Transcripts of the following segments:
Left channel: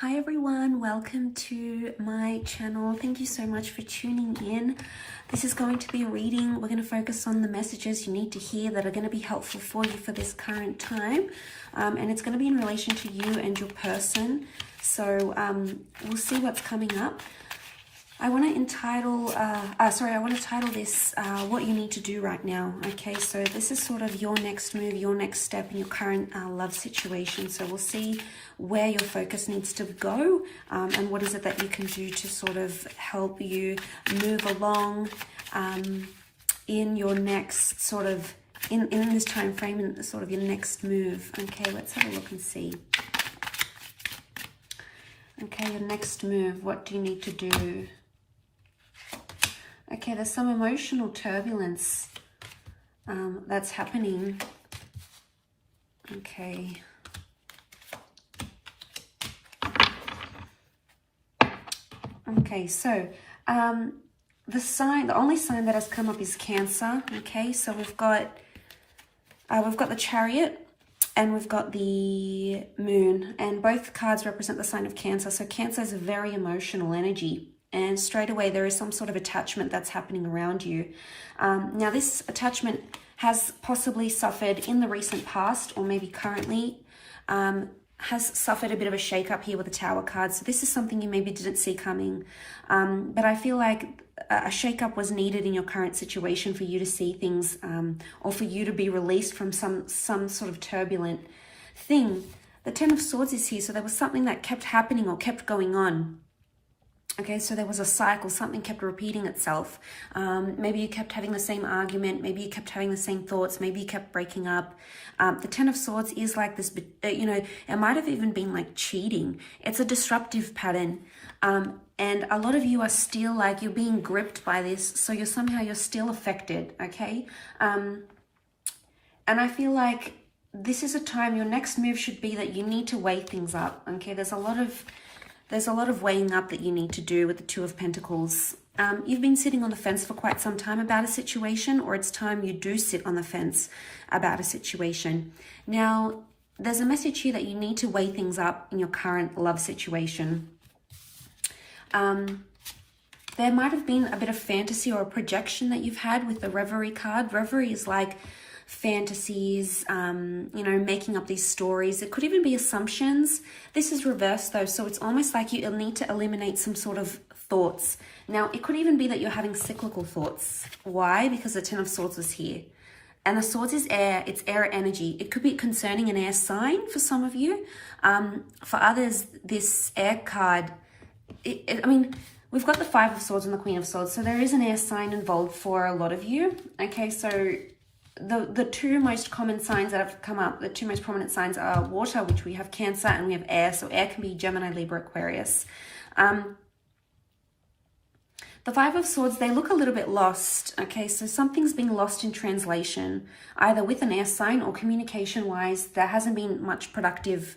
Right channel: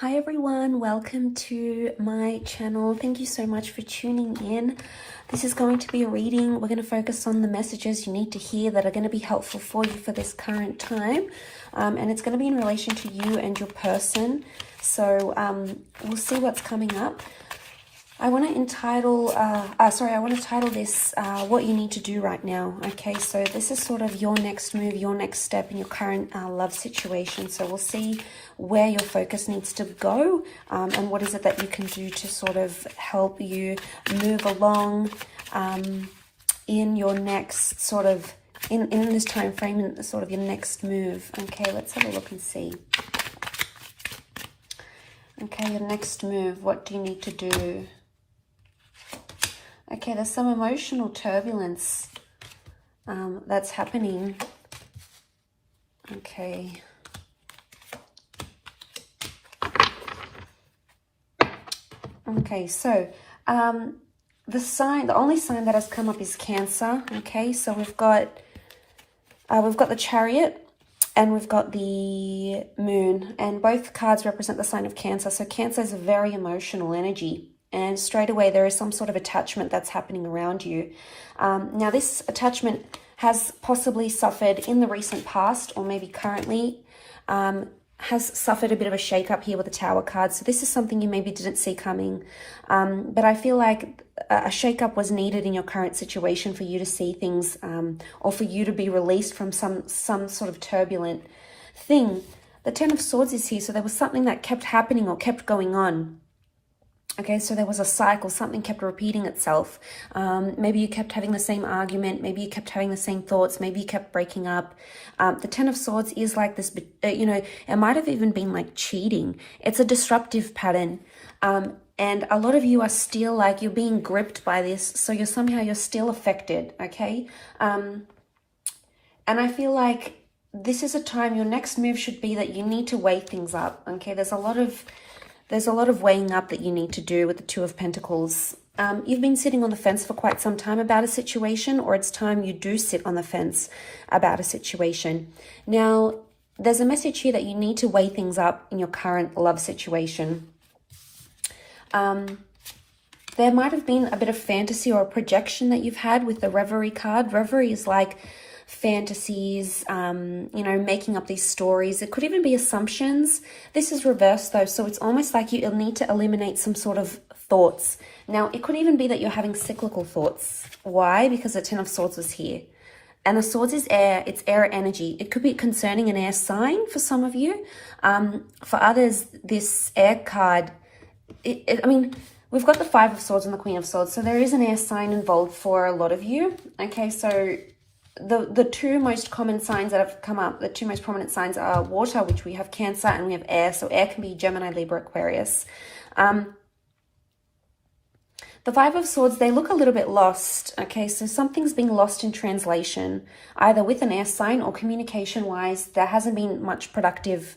Hi everyone, welcome to my channel. Thank you so much for tuning in. This is going to be a reading. We're going to focus on the messages you need to hear that are going to be helpful for you for this current time. And it's going to be in relation to you and your person. So we'll see what's coming up. I want to title this what you need to do right now. Okay, so this is sort of your next move, your next step in your current love situation. So we'll see where your focus needs to go and what is it that you can do to sort of help you move along in your next sort of, in this time frame, in sort of your next move. Okay, let's have a look and see. Okay, your next move, what do you need to do? Okay, there's some emotional turbulence that's happening. Okay. Okay, so the only sign that has come up is Cancer. Okay, so we've got the Chariot and we've got the Moon, and both cards represent the sign of Cancer. So Cancer is a very emotional energy. And straight away, there is some sort of attachment that's happening around you. Now, this attachment has possibly suffered in the recent past, or maybe currently, has suffered a bit of a shake-up here with the Tower card. So this is something you maybe didn't see coming. But I feel like a shake-up was needed in your current situation for you to see things, or for you to be released from some sort of turbulent thing. The Ten of Swords is here, so there was something that kept happening or kept going on. Okay, so there was a cycle, something kept repeating itself. Maybe you kept having the same argument, maybe you kept having the same thoughts, maybe you kept breaking up. The Ten of Swords is like this, it might have even been like cheating. It's a disruptive pattern. And a lot of you are still like, you're being gripped by this, so you're still affected, okay? And I feel like this is a time, your next move should be that you need to weigh things up, okay? There's a lot of weighing up that you need to do with the Two of Pentacles. You've been sitting on the fence for quite some time about a situation, or it's time you do sit on the fence about a situation. Now, there's a message here that you need to weigh things up in your current love situation. There might have been a bit of fantasy or a projection that you've had with the Reverie card. Reverie is like fantasies, making up these stories. It could even be assumptions. This is reversed though, so it's almost like you'll need to eliminate some sort of thoughts. Now, it could even be that you're having cyclical thoughts. Why? Because the Ten of Swords was here. And the Swords is air, it's air energy. It could be concerning an air sign for some of you. For others, this air card, we've got the Five of Swords and the Queen of Swords, so there is an air sign involved for a lot of you. Okay, so the two most common signs that have come up, the two most prominent signs are water, which we have Cancer, and we have air. So air can be Gemini, Libra, Aquarius. The Five of Swords, they look a little bit lost. Okay, so something's been lost in translation, either with an air sign or communication-wise. There hasn't been much productive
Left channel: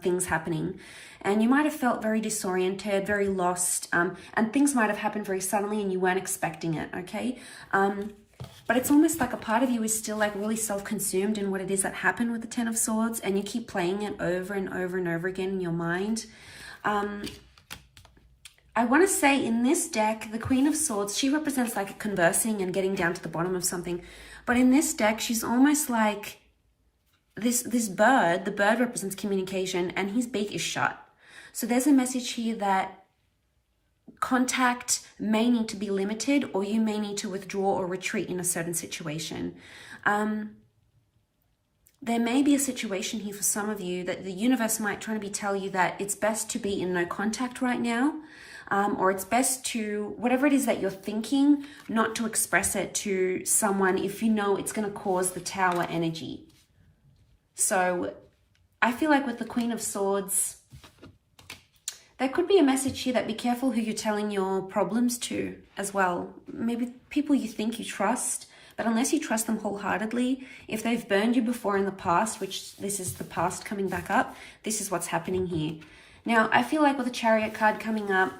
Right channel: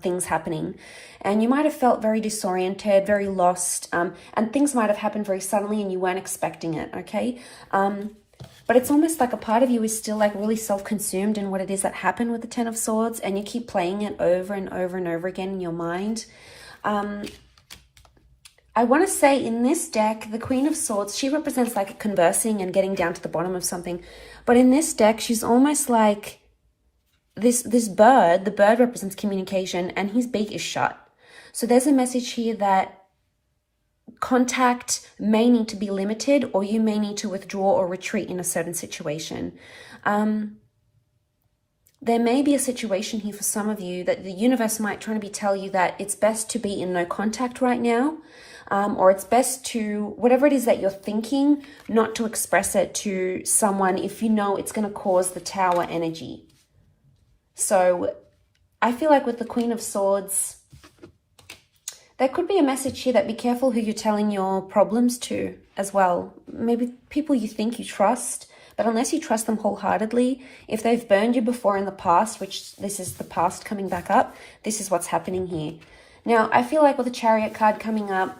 things happening. And you might have felt very disoriented, very lost, and things might have happened very suddenly and you weren't expecting it, okay? But it's almost like a part of you is still like really self-consumed in what it is that happened with the Ten of Swords, and you keep playing it over and over and over again in your mind. I want to say in this deck, the Queen of Swords, she represents like conversing and getting down to the bottom of something. But in this deck, she's almost like this bird. The bird represents communication and his beak is shut. So there's a message here that contact may need to be limited, or you may need to withdraw or retreat in a certain situation. There may be a situation here for some of you that the universe might try to tell you that it's best to be in no contact right now, or it's best to, whatever it is that you're thinking, not to express it to someone if you know it's going to cause the Tower energy. So I feel like with the Queen of Swords, there could be a message here that be careful who you're telling your problems to as well. Maybe people you think you trust, but unless you trust them wholeheartedly, if they've burned you before in the past, which this is the past coming back up, this is what's happening here. Now, I feel like with the Chariot card coming up,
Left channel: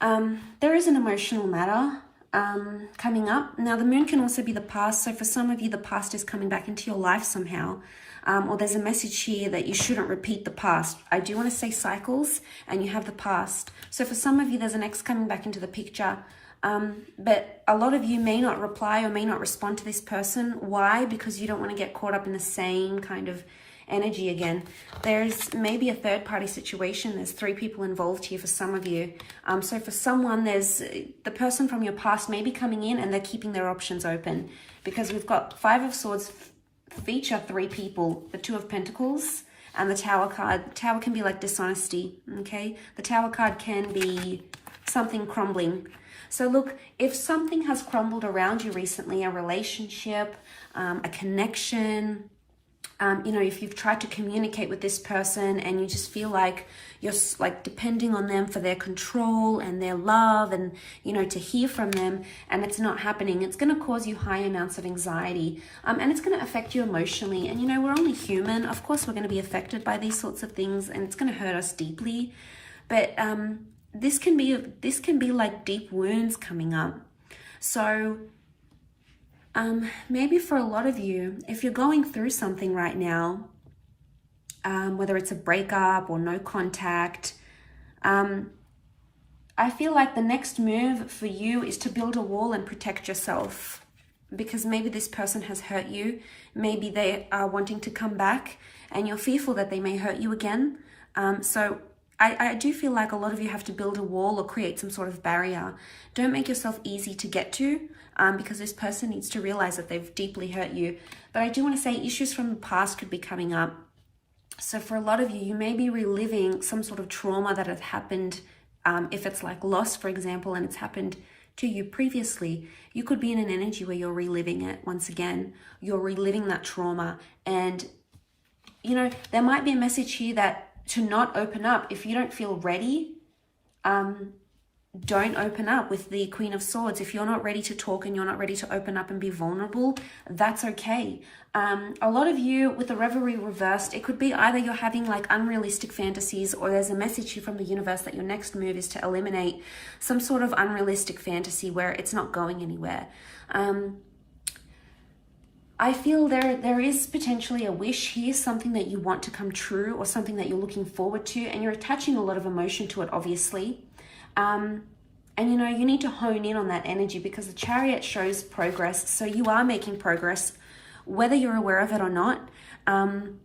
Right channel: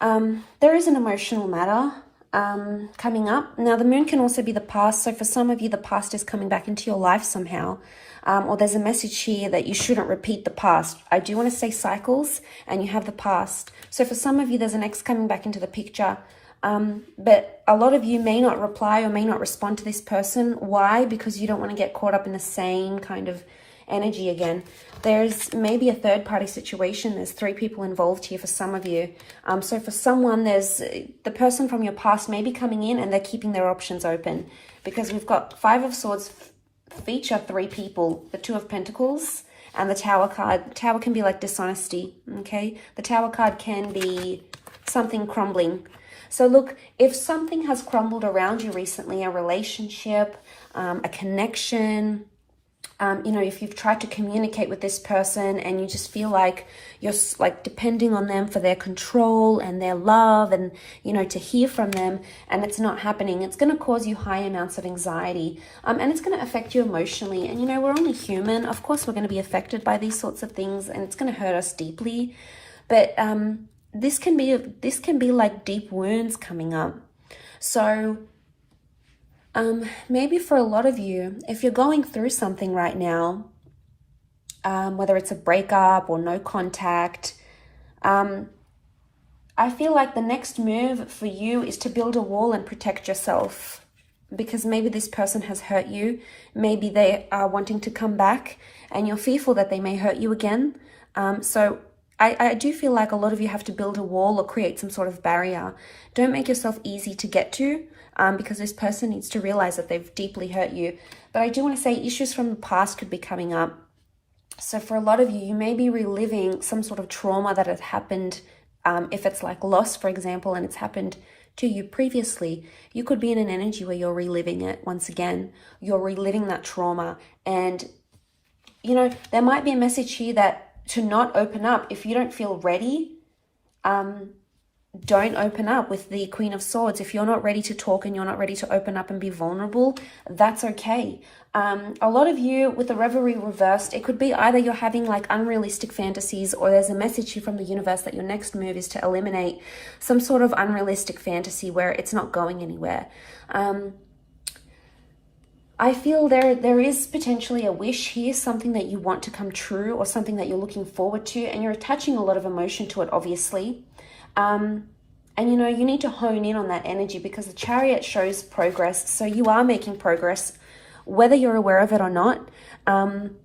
there is an emotional matter coming up. Now, the Moon can also be the past. So for some of you, the past is coming back into your life somehow. or there's a message here that you shouldn't repeat the past. I do want to say cycles, and you have the past. So for some of you, there's an ex coming back into the picture. But a lot of you may not reply or may not respond to this person. Why? Because you don't want to get caught up in the same kind of energy again. There's maybe a third party situation. There's 3 people involved here for some of you. So for someone, there's the person from your past may be coming in and they're keeping their options open, because we've got 5 of Swords feature 3 people, the 2 of Pentacles and the Tower card. The Tower can be like dishonesty, okay? The Tower card can be something crumbling. So look, if something has crumbled around you recently, a relationship, a connection, you know, if you've tried to communicate with this person and you just feel like you're like depending on them for their control and their love and, you know, to hear from them, and it's not happening, it's going to cause you high amounts of anxiety, and it's going to affect you emotionally. And, you know, we're only human. Of course, we're going to be affected by these sorts of things, and it's going to hurt us deeply. But this can be like deep wounds coming up. So maybe for a lot of you, if you're going through something right now, whether it's a breakup or no contact, I feel like the next move for you is to build a wall and protect yourself, because maybe this person has hurt you. Maybe they are wanting to come back and you're fearful that they may hurt you again. So I do feel like a lot of you have to build a wall or create some sort of barrier. Don't make yourself easy to get to, because this person needs to realize that they've deeply hurt you. But I do want to say issues from the past could be coming up. So for a lot of you, you may be reliving some sort of trauma that had happened. If it's like loss, for example, and it's happened to you previously, you could be in an energy where you're reliving it once again. You're reliving that trauma. And, you know, there might be a message here that to not open up. If you don't feel ready, don't open up with the Queen of Swords. If you're not ready to talk and you're not ready to open up and be vulnerable, that's okay. A lot of you with the Revelry reversed, it could be either you're having like unrealistic fantasies, or there's a message here from the universe that your next move is to eliminate some sort of unrealistic fantasy where it's not going anywhere. I feel there is potentially a wish here, something that you want to come true or something that you're looking forward to, and you're attaching a lot of emotion to it, obviously. And, you know, you need to hone in on that energy, because the Chariot shows progress. So you are making progress, whether you're aware of it or not. And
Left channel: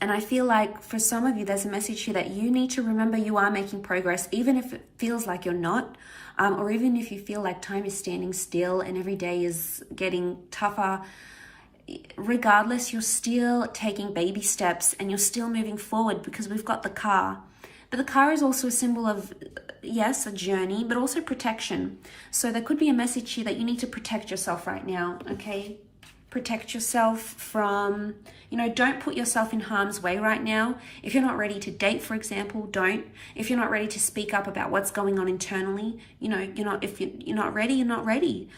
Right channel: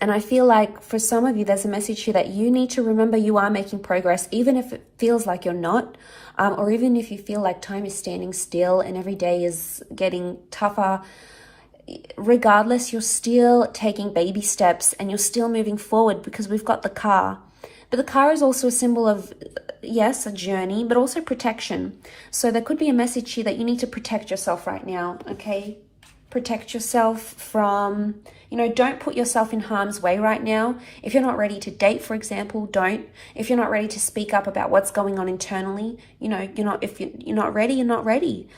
I feel like for some of you, there's a message here that you need to remember you are making progress, even if it feels like you're not, or even if you feel like time is standing still and every day is getting tougher. Regardless, you're still taking baby steps and you're still moving forward, because we've got the car. But the car is also a symbol of, yes, a journey, but also protection. So there could be a message here that you need to protect yourself right now, okay? Protect yourself from, you know, don't put yourself in harm's way right now. If you're not ready to date, for example, don't. If you're not ready to speak up about what's going on internally, you know, if you're not ready, you're not ready.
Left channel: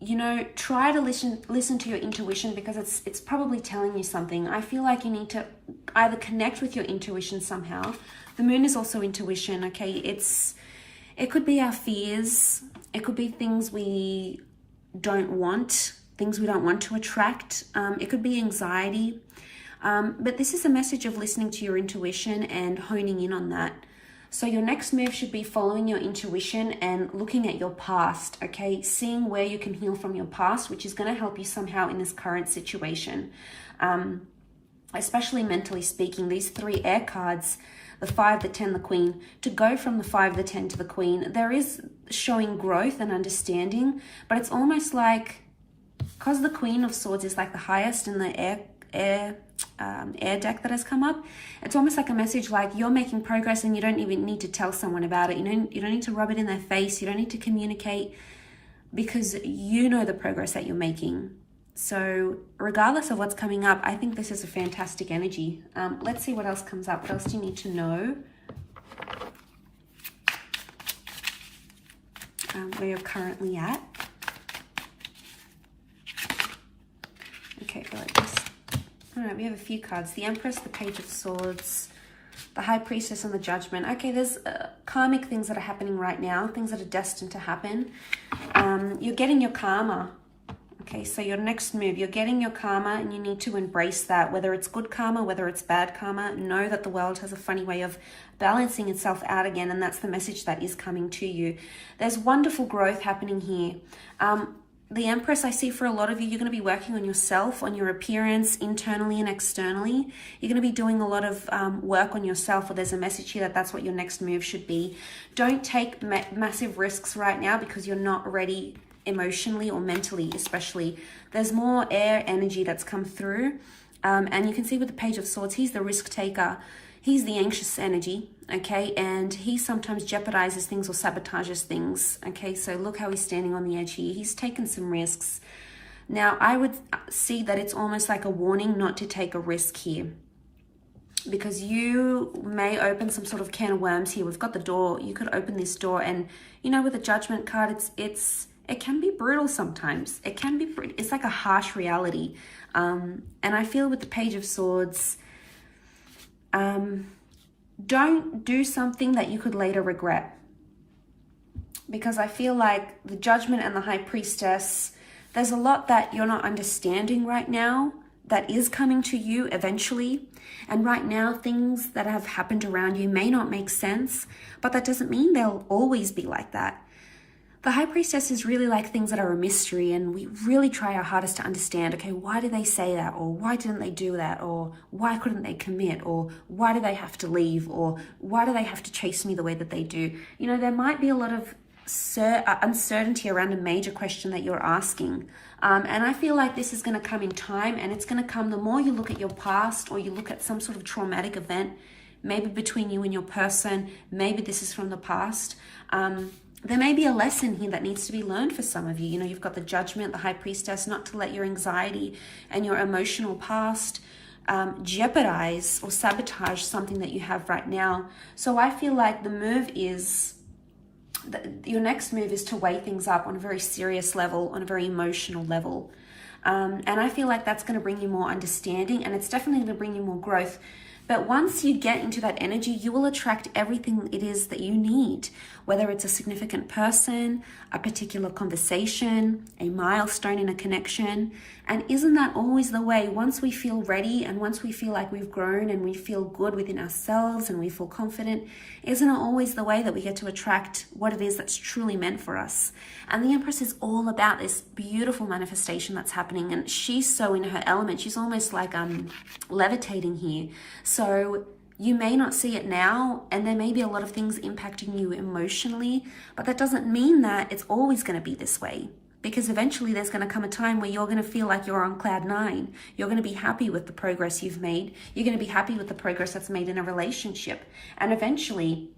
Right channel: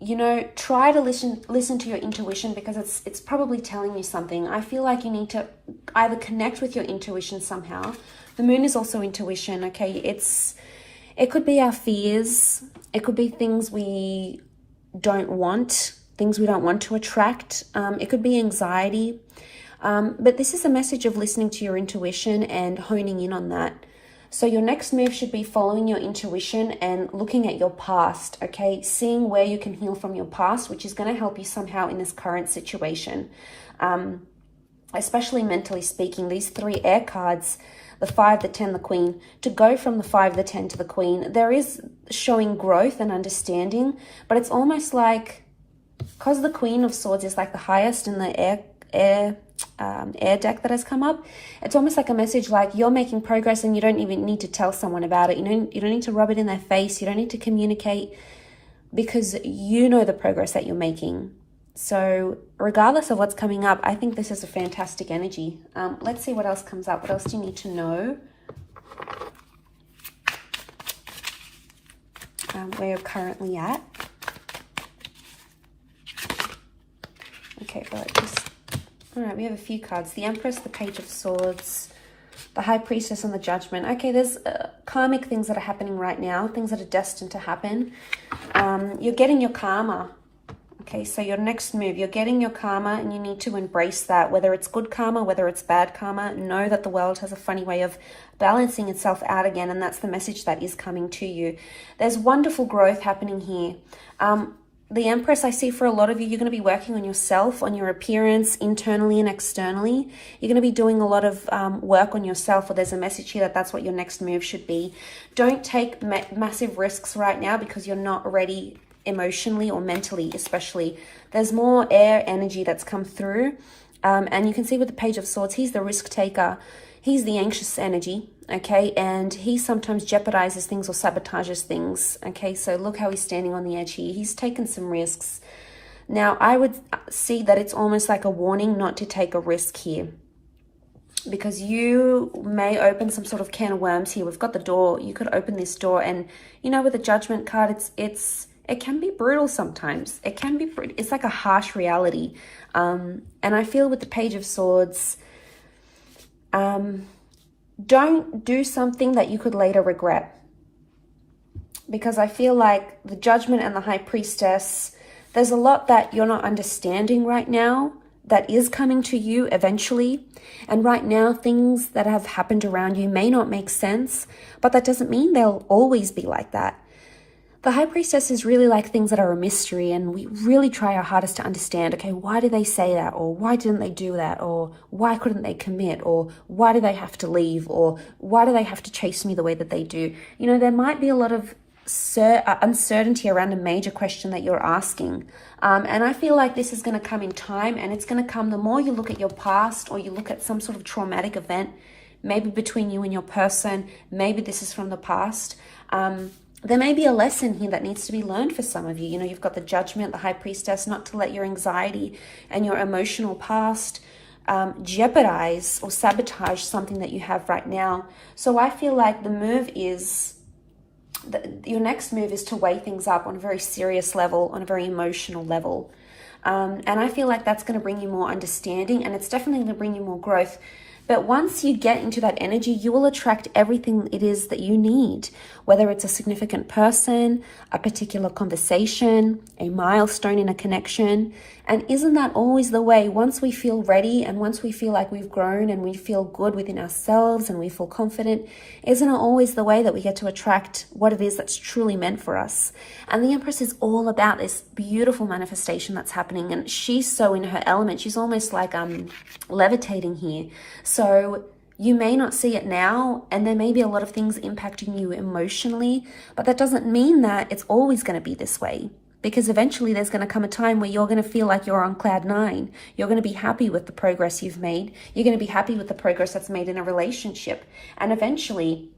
You know, try to listen to your intuition, because it's probably telling you something. I feel like you need to either connect with your intuition somehow. The moon is also intuition, okay? It could be our fears. It could be things we don't want, things we don't want to attract. It could be anxiety. But this is a message of listening to your intuition and honing in on that. So your next move should be following your intuition and looking at your past, okay? Seeing where you can heal from your past, which is going to help you somehow in this current situation. Especially mentally speaking, these 3 air cards, the 5, the 10, the Queen, to go from the 5, the 10 to the Queen, there is showing growth and understanding, but it's almost like, because the Queen of Swords is like the highest in the air deck that has come up, it's almost like a message like you're making progress and you don't even need to tell someone about it. You don't need to rub it in their face. You don't need to communicate, because you know the progress that you're making. So regardless of what's coming up, I think this is a fantastic energy. Let's see what else comes up. What else do you need to know? Where you're currently at. Okay, all right, we have a few cards. The Empress, the Page of Swords, the High Priestess, and the Judgment. Okay, there's karmic things that are happening right now, things that are destined to happen. You're getting your karma. Okay, so your next move, you're getting your karma and you need to embrace that. Whether it's good karma, whether it's bad karma, know that the world has a funny way of balancing itself out again, and that's the message that is coming to you. There's wonderful growth happening here. The Empress, I see for a lot of you, you're going to be working on yourself, on your appearance, internally and externally. You're going to be doing a lot of work on yourself, or there's a message here that that's what your next move should be. Don't take massive risks right now because you're not ready emotionally or mentally, especially. There's more air energy that's come through. And you can see with the Page of Swords, he's the risk taker. He's the anxious energy, okay? And he sometimes jeopardizes things or sabotages things, okay? So look how he's standing on the edge here. He's taken some risks. Now, I would see that it's almost like a warning not to take a risk here, because you may open some sort of can of worms here. We've got the door. You could open this door, and, you know, with the Judgment card, it can be brutal sometimes. It's like a harsh reality. And I feel with the Page of Swords, don't do something that you could later regret. Because I feel like the Judgment and the High Priestess, there's a lot that you're not understanding right now that is coming to you eventually. And right now, things that have happened around you may not make sense, but that doesn't mean they'll always be like that. The High Priestess is really like things that are a mystery, and we really try our hardest to understand, okay, why did they say that? Or why didn't they do that? Or why couldn't they commit? Or why do they have to leave? Or why do they have to chase me the way that they do? You know, there might be a lot of uncertainty around a major question that you're asking. And I feel like this is going to come in time, and it's going to come the more you look at your past, or you look at some sort of traumatic event, maybe between you and your person, maybe this is from the past. There may be a lesson here that needs to be learned for some of you. You know, you've got the Judgment, the High Priestess, not to let your anxiety and your emotional past jeopardize or sabotage something that you have right now. So I feel like the move is, your next move is to weigh things up on a very serious level, on a very emotional level. And I feel like that's going to bring you more understanding, and it's definitely going to bring you more growth. But once you get into that energy, you will attract everything it is that you need, whether it's a significant person, a particular conversation, a milestone in a connection. And isn't that always the way? Once we feel ready, and once we feel like we've grown and we feel good within ourselves and we feel confident, isn't it always the way that we get to attract what it is that's truly meant for us? And the Empress is all about this beautiful manifestation that's happening, and she's so in her element. She's almost like levitating here. So you may not see it now, and there may be a lot of things impacting you emotionally, but that doesn't mean that it's always going to be this way. Because eventually there's going to come a time where you're going to feel like you're on cloud 9. You're going to be happy with the progress you've made. You're going to be happy with the progress that's made in a relationship. And eventually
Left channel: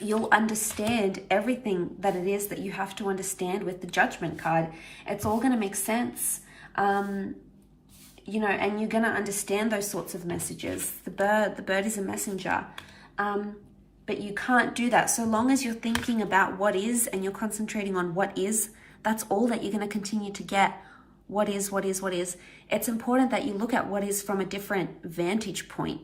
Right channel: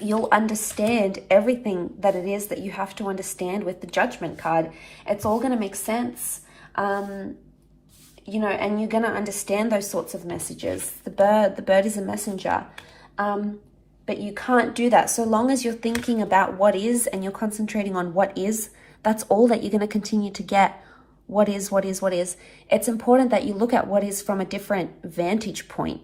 you'll understand everything that it is that you have to understand with the Judgment card. It's all going to make sense. You know, and you're going to understand those sorts of messages. The bird is a messenger. But you can't do that. So long as you're thinking about what is, and you're concentrating on what is, that's all that you're going to continue to get. What is, what is, what is. It's important that you look at what is from a different vantage point.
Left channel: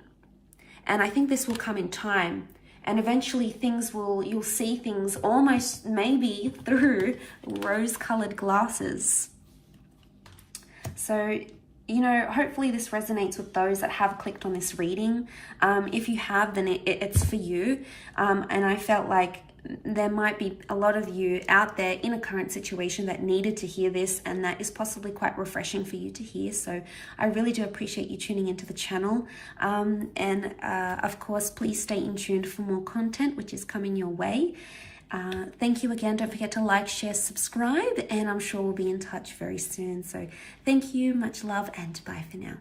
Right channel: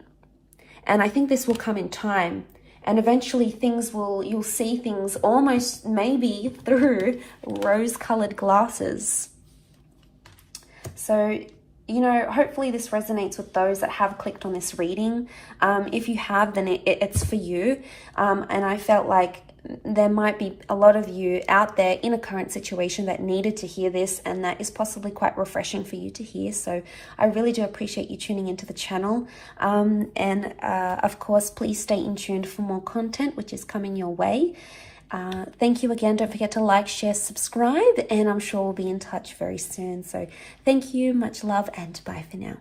And I think this will come in time. And eventually you'll see things almost maybe through rose-colored glasses. So, you know, hopefully this resonates with those that have clicked on this reading. If you have, then it's for you. And I felt like there might be a lot of you out there in a current situation that needed to hear this, and that is possibly quite refreshing for you to hear. So I really do appreciate you tuning into the channel. Of course, please stay in tuned for more content, which is coming your way. Thank you again. Don't forget to like, share, subscribe, and I'm sure we'll be in touch very soon. So thank you, much love, and bye for now.